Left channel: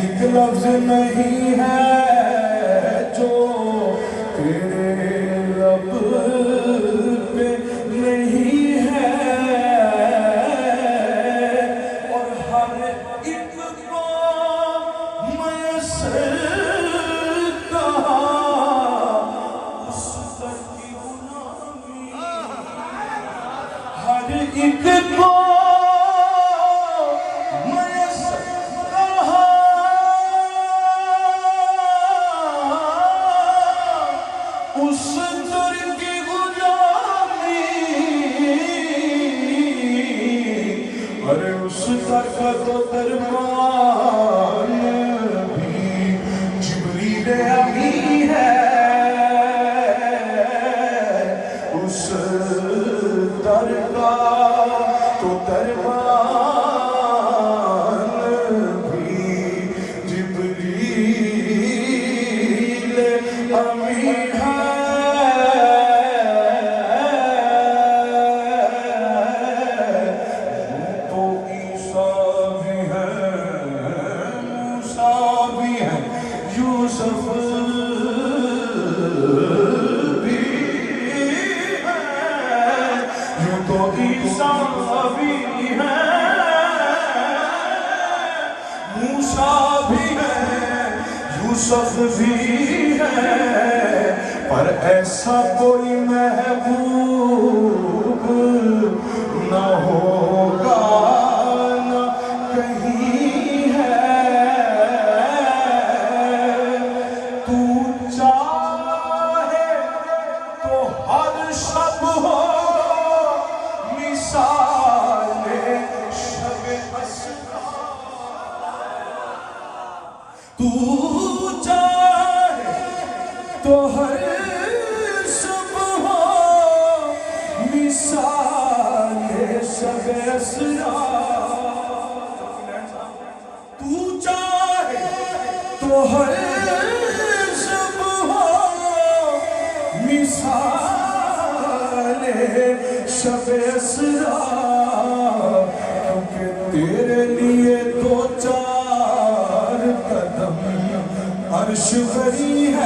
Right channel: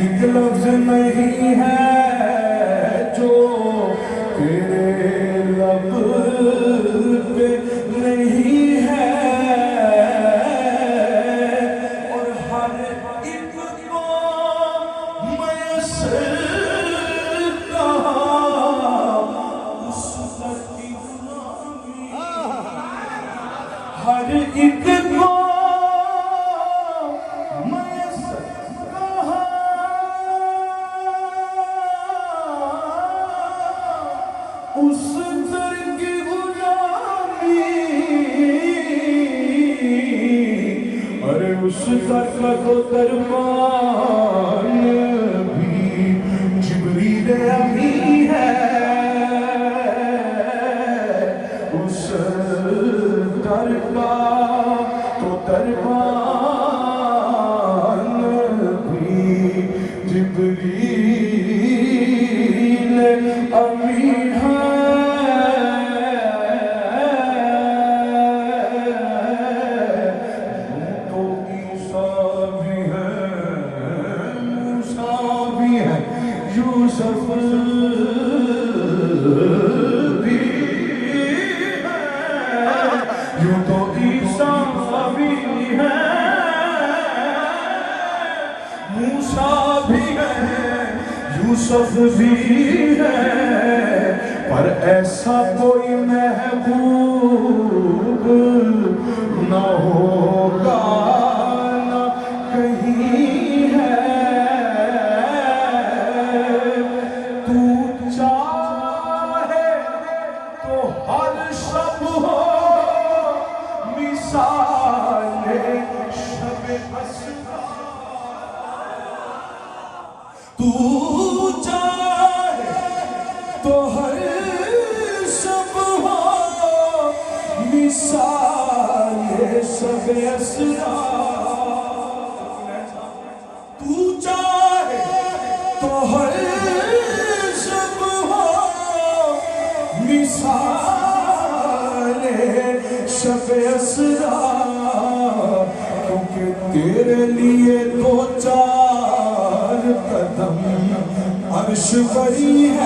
ایک لفظ نہیں ہے جو تیرے لب پہ نہیں ہے، اور ہر ایک کو میسر کہا اس در کی غلامی، ہر ایک کو اس در کی غلامی، ارے اس در کا تو دربان بھی جبریل امی ہے، اس در کا تو دربان بھی جبریل امی ہے۔ یوسف بھی ہے، یوں تو عیسیٰ بھی ہے، موسیٰ بھی ہے، یوسف بھی ہے، پر ایسا کوئی محبوب نہ ہوگا نہ کہیں ہے۔ شب ہو مثال شب اسرا، تو چاہے تو ہر شب ہو مثال شب اسرا، تو چاہے تو ہر شب ہو مثال شب اسرا، کیونکہ تیرے لیے دو چار قدم عرش بری ہے۔